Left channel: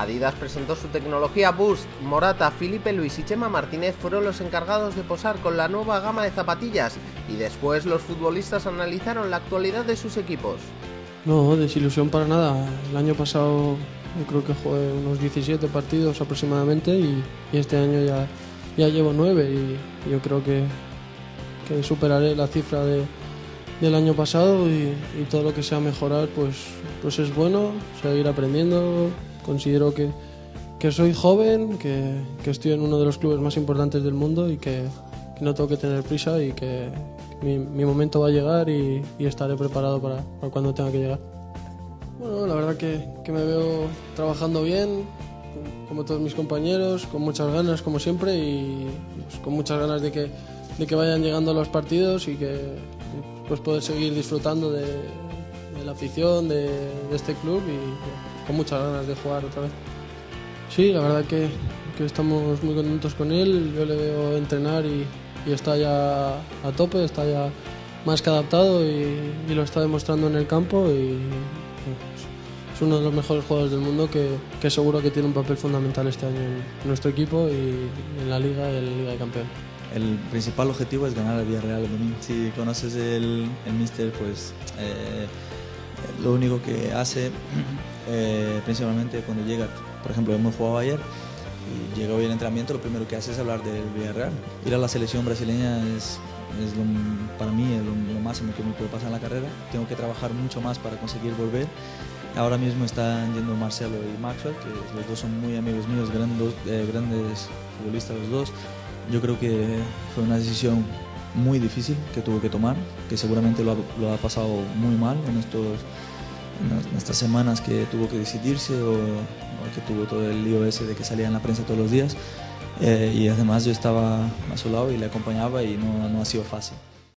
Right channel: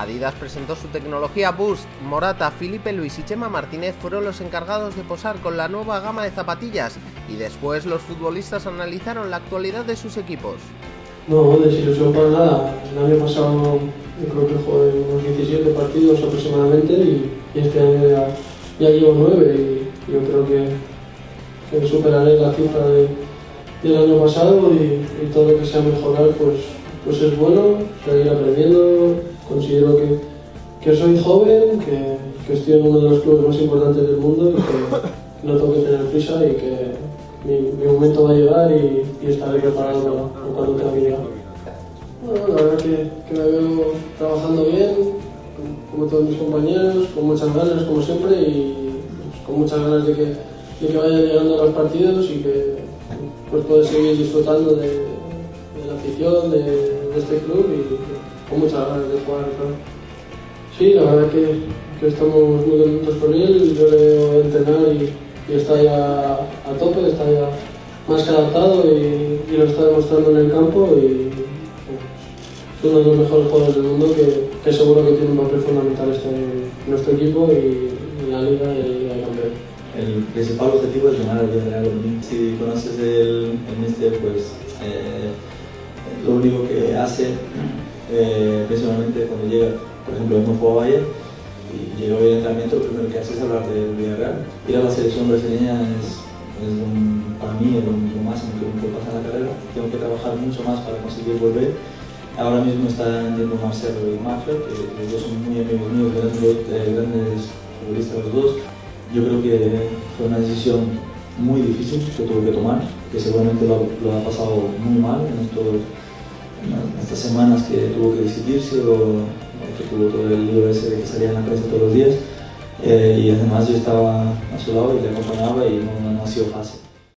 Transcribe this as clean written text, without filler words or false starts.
Adidas presentó su tecnología Boost. Morata, Filipe Luis y Chema Martínez fueron los encargados de posar con la nueva gama de zapatillas y después los futbolistas analizaron la actualidad de sus equipos. No, desilusión para nada. El año pasado yo creo que jugué unos 17 partidos aproximadamente y este año ya llevo 9 y yo creo que superaré la cifra del año pasado y todo lo que sea mejorar pues es bueno, seguir aprendiendo. Considero que soy joven, que estoy en uno de los clubes más importantes del mundo y que no tengo que tener prisa y que mi momento va a llegar y estaré preparado para cuando tenga que llegar. Bueno, la verdad que me veo trabajando bien, como todos mis compañeros, con muchas ganas como siempre y pues, con muchas ganas de que vayan llegando los partidos y que pues, pueda seguir disfrutando de la afición de este club y con muchas ganas de jugar otra vez. Sí, la verdad que estamos muy contentos con él, yo le veo entrenar y está ya a tope, está ya más que adaptado y lo está demostrando en el campo y es uno de los mejores jugadores del mundo que seguro que tiene un papel fundamental en nuestro equipo y en la Liga y en la Liga de Campeones. El principal objetivo es ganar el Villarreal. Si conoces el míster, pues lo único que hace principalmente cuando llega, por ejemplo, uno jugaba ayer y llega hoy al entrenamiento, lo primero que hace es hablar del Villarreal. Ir a la selección brasileña para mí es lo máximo que pasa en la carrera. Tengo que trabajar mucho más para conseguir volver. Ahora mismo está yendo Marcelo y Mafia, que los dos son muy amigos míos, grandes futbolistas los dos. Yo creo que fue una decisión muy difícil que tuvo que tomar, que seguramente lo ha pasado muy mal en estas semanas que tuvo que decidirse o que tuvo todo el lío ese de que salía en la prensa todos los días. Y además yo estaba a su lado y le acompañaba y no ha sido fácil.